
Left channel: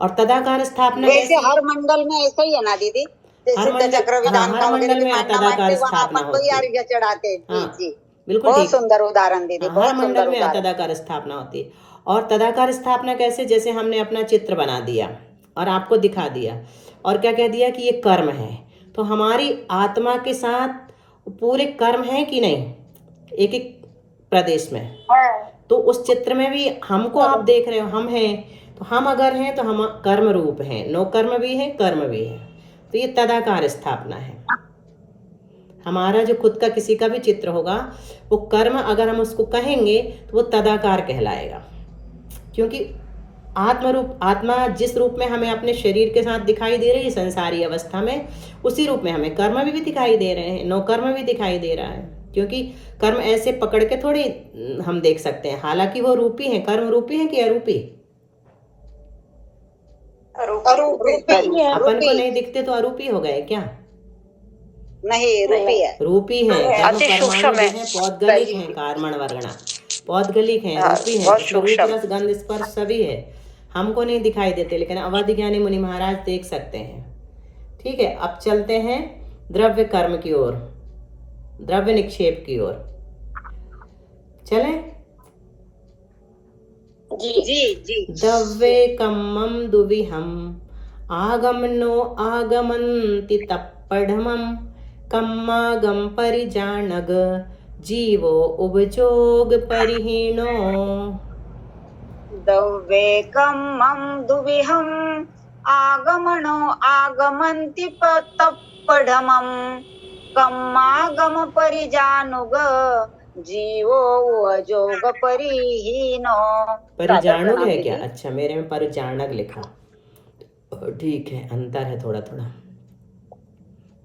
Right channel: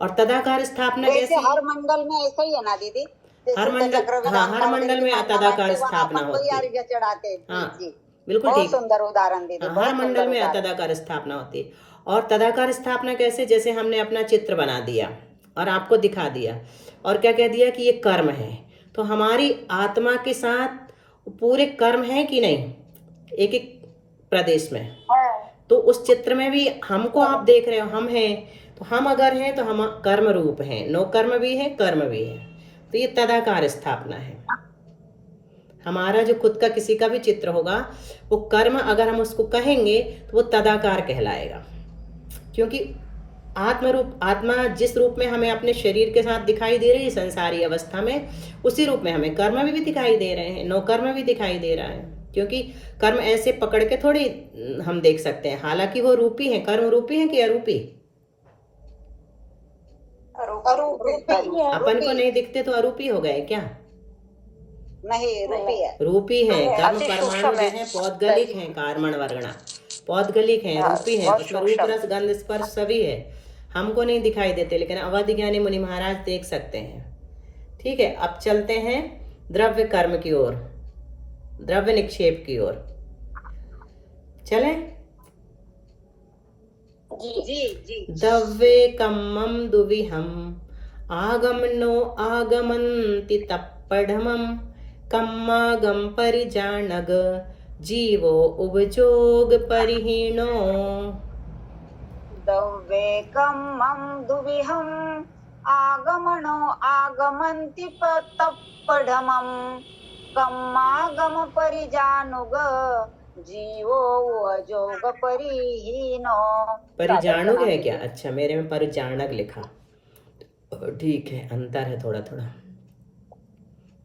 और तदाकार स्थापना कैसे? हर मंडल में ऐसा ही है ना दीदी? हर मंडल, हाँ, हर मंडल में अतदाकार स्थापना होती है। चढ़ाते। हाँ, बिल्कुल ठीक। सुंदर उदाहरण दीदी। हाँ, हर मंडल में अतदाकार स्थापना होती है। और तदाकार स्थापना कैसे? जैसे हमने अपना चित्र बना दिया और आपको दिखा दिया और क्या कह दिया कि ये कर्म है। तो हमारी आत्मा के साथ पूरे कर्म है कि नहीं, एक एक प्रदेश में। तो उस चित्र में भी हमको आप देख रहे हो, हम हैं। तो हम अगर हैं तो हम कर्म रूप हैं, नो कर्म भी है, कर्म भी है। तो ये तदाकार स्थापना है। हमारा जो खुद का किसी का भी चित्र होगा, वो कर्म अगर हम उसको कहेंगे तो वो तदाकार कहलाएगा, क्योंकि आत्मा जिस रूप में हमें अपने शरीर के साथ दिखाई दे रही है संसारी अवस्था में, उसी रूप में हमें कर्म भी दिखाई दे रहे हैं, नो कर्म भी दिखाई दे रहा है। क्योंकि कर्म ऐसे पकड़ के थोड़ी हम देख सकते हैं, हालांकि वो रूपी है। कर्म रूपी है कि अरूपी? अपन को नहीं दिखते तो अरूपी हो गए क्या? नहीं, रूपी है। रूपी है। कर्म परमाणु जो है पौद्गलिक है, कार्मण वर्गणा पौद्गलिक है, रूपी है। उसमें रूप रस गंध स्पर्श सभी है, हमको नहीं दिखाई देते, लेकिन अवधि ज्ञानी मुनि महाराज देख सकते हैं। ठीक है, अब चलते हैं द्रव्य कर्म की ओर, द्रव्य निक्षेप की ओर। चले? जी। द्रव्ये कम्मम दुविहम आगमनो आगमन्ति तप्पढ़मम कम्मागम परिजानग जीवो उपजोग परिहीनो। द्रव्ये कम्मम दुविहम आगमनो आगमन्ति तप्पढ़मम कम्मागम परिजानुग जीवो उपजोग परिहीनो। परिजानुग है क्या? अच्छा, मेरे में परिजानक लिखा। ठीक है, अंतर है थोड़ा थोड़ा।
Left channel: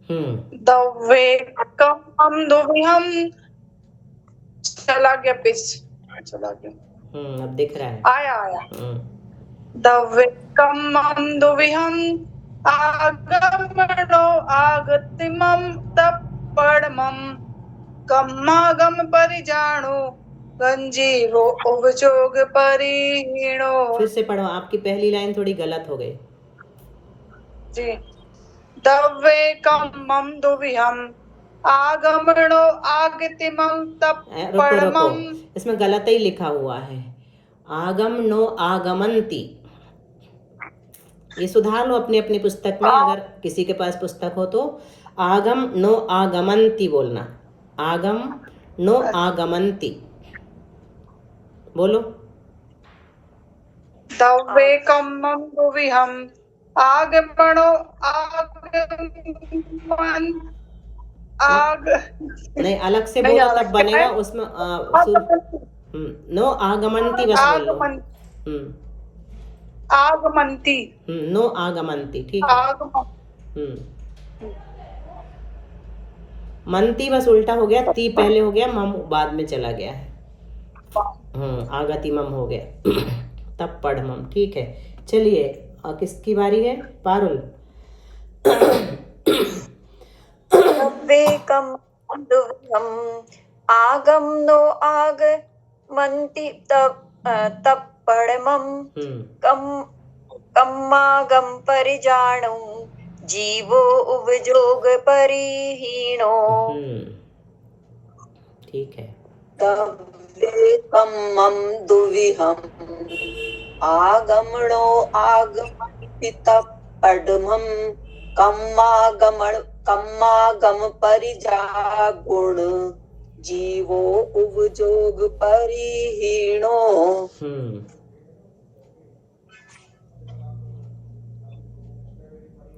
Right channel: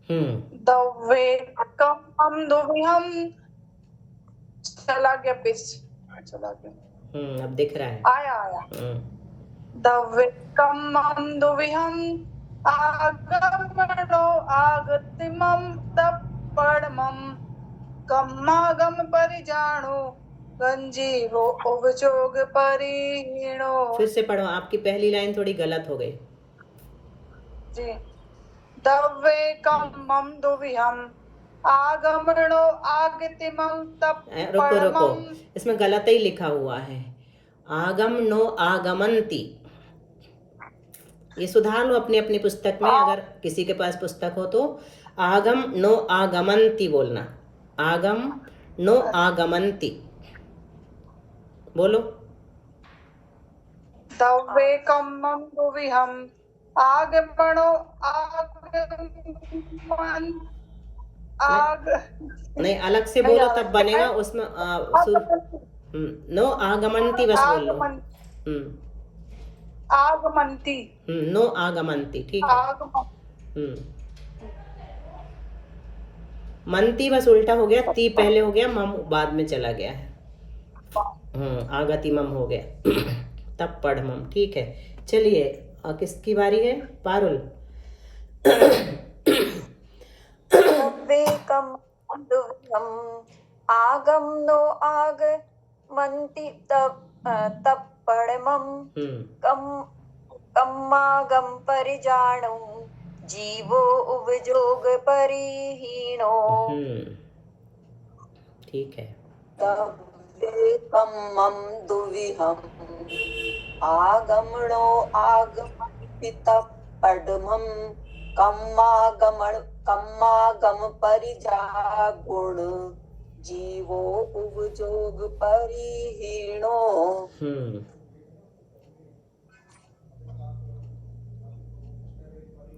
द्रव्ये कम्मम दुविहम, चला गया पेज, चला गया। अब दिख रहा है। आया। द्रव्ये कम्मम दुविहम आगमनो आगतिमम तप्पढ़मम कम्मागम परिजानु गंजीवो उपजोग परिहीनो। फिर से पढ़ो, आपकी पहली लाइन थोड़ी गलत हो गई जी। द्रव्ये कम्मम दुविहम आगमनो आगतिमम रुको, तप्पढ़मम। इसमें गलत ही लिखा हुआ है, आगम नो आगमंती। ये सुधार लो अपनी अपनी पुस्तक में, अगर किसी के पास पुस्तक हो तो। आगम नो आगमंती बोलना, आगम नो आगमंती बोलो। द्रव्ये कम्मम दुविहम आगमनो नहीं, अलग से बोलो तब बनेगा। उसमें नो आगमंती बस बोल लो। आगमंती, नो आगमंती, ठीक है। मंती बस उल्टा हो गया, ती पहले हो गया, मम बाद में चला गया है। आगति मम हो गया तब पढ़ मम। ठीक है, चलिए, और किसकी बारी है? पारुल। आगम नो आगमन्ति तप्पढ़मम कम्मागम परिजाणु जीवो उपजोग परिहीणो। ठीक है। तव्ये कम्मं दुविहम् आगमनो आगमन्ति तत्पदमं कम्मागम परिजागुण जीवो उपजोग परिहीणो।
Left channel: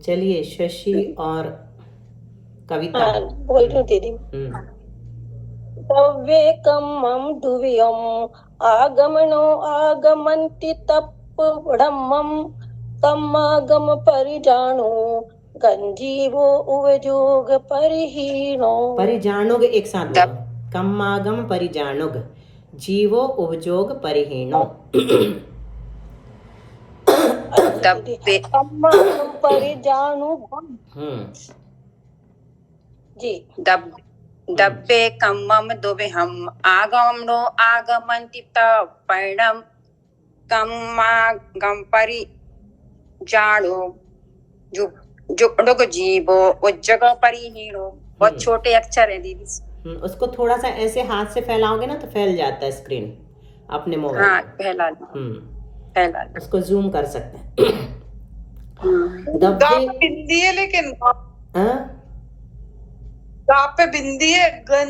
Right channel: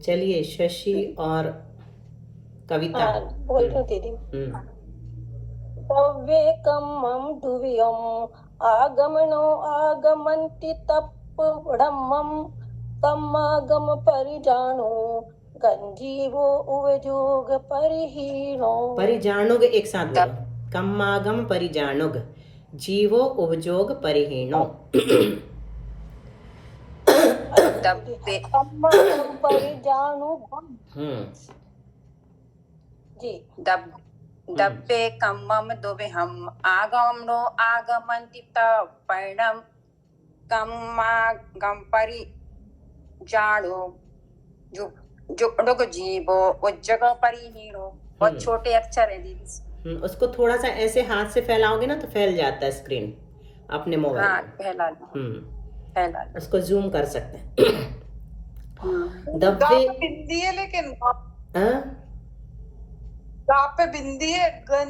चलिए शशि और कविता। बोल रही हूँ दीदी। तव्ये कम्मं दुव्यम् आगमनो आगमन्ति तत्पदमं कम्मागम परिजाणु गंजीवो उपजोग परिहीणो। परिजाणुग एक साथ बोलो। कम्मागम परिजाणुग जीवो उपजोग परिहीणो। कम्मागम परिजाणु जी। दब्बे कम्मम दुविहम् आगमनो आगमन्ति तत्पदमं कम्मागम परिजाणु जुगडुग जीवो उज्जग परिहीणो। बहुत छोटे अक्षर है दीदी। उसको थोड़ा सा ऐसे हाथ से फैलाओगे ना तो फैल जाता है स्क्रीन अपने मोबाइल। हाँ, फैला फैला। उसको जूम कर सकते हैं। दब्बे बिंदी है लेकिन पे बिंदी है। गन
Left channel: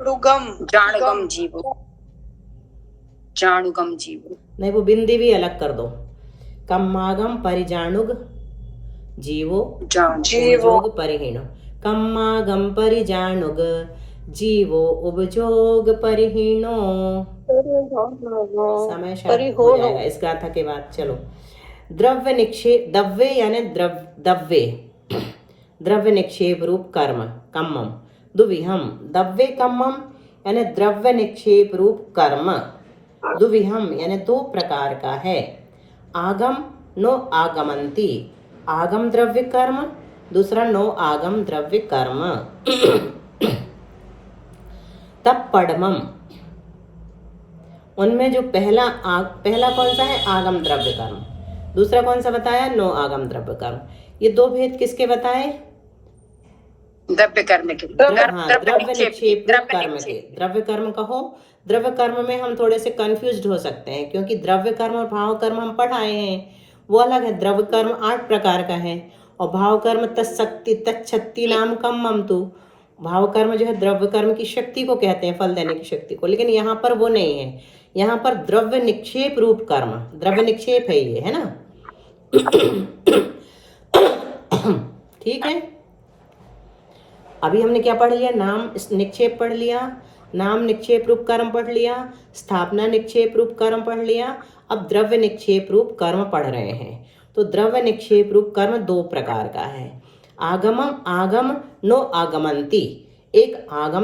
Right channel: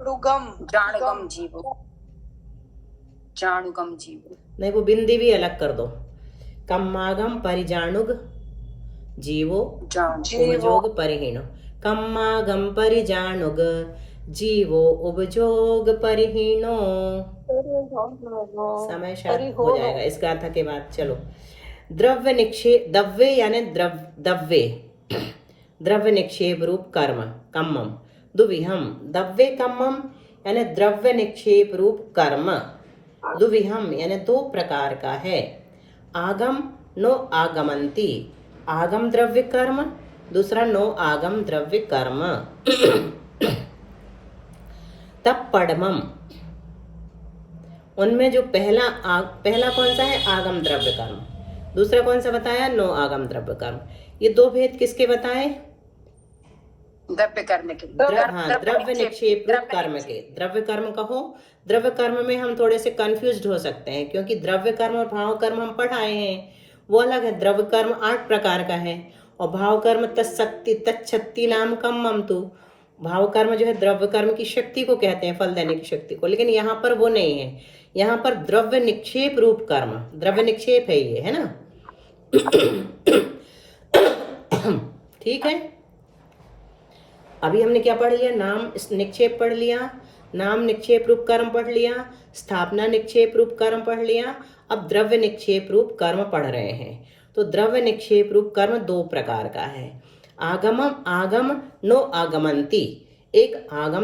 रुगम जाणुगम जीवो। जाणुगम जीवो नहीं, वो बिंदी भी अलग कर दो। कम्मागम परिजाणुग जीवो उपजोग परिहीणो। कम्मागम परिजाणुग जीवो उपजोग परिहीणो। समय शायद हो जाएगा इस गाथा के बाद। चलो द्रव्य निक्षेप दव्वे यानी दव्वे द्रव्य निक्षेप रूप कर्म कम्मम दुविहम। दव्वे कम्मम यानी द्रव्य निक्षेप रूप कर्म। दुविहम यानी दो प्रकार का है। आगम नो आगमंती आगम द्रव्य कर्म, दूसरा नो आगम द्रव्य कर्म। तब पडमम उनमें जो पहला कौन सा है आगम द्रव्य कर्म, दूसरा कौन सा बताया नो आगम द्रव्य कर्म। ये दो भेद किसके बताए? द्रव्य कर्म के। द्रव्य निक्षेप रूप कर्म के। द्रव्य कर्म कहो। द्रव्य कर्म में हम थोड़े से कंफ्यूज्ड हो सकते हैं क्योंकि द्रव्य कर्म और भाव कर्म हम पढ़ाए हैं, वो अलग है। द्रव्य कर्म 8 प्रकार का है और भाव कर्म तत्शक्ति नाम कम्मम तु। भाव कर्म जो है द्रव्य कर्म की शक्ति को कहते हैं, फल देने की शक्ति को, लेकिन यहाँ पर वो नहीं है। यहाँ पर द्रव्य निक्षेप रूप कर्म, द्रव्य निक्षेप है ये, है ना। ठीक है, अभी हमने क्या पढ़ लिया? नाम निक्षेप पढ़ लिया, नाम निक्षेप रूप कर्म पढ़ लिया, स्थापना निक्षेप रूप कर्म पढ़ लिया। अब द्रव्य निक्षेप रूप कर्म पढ़ रहे हैं। तो द्रव्य निक्षेप रूप कर्म 2 प्रकार का है। आगम नो आगमंती। एक आगम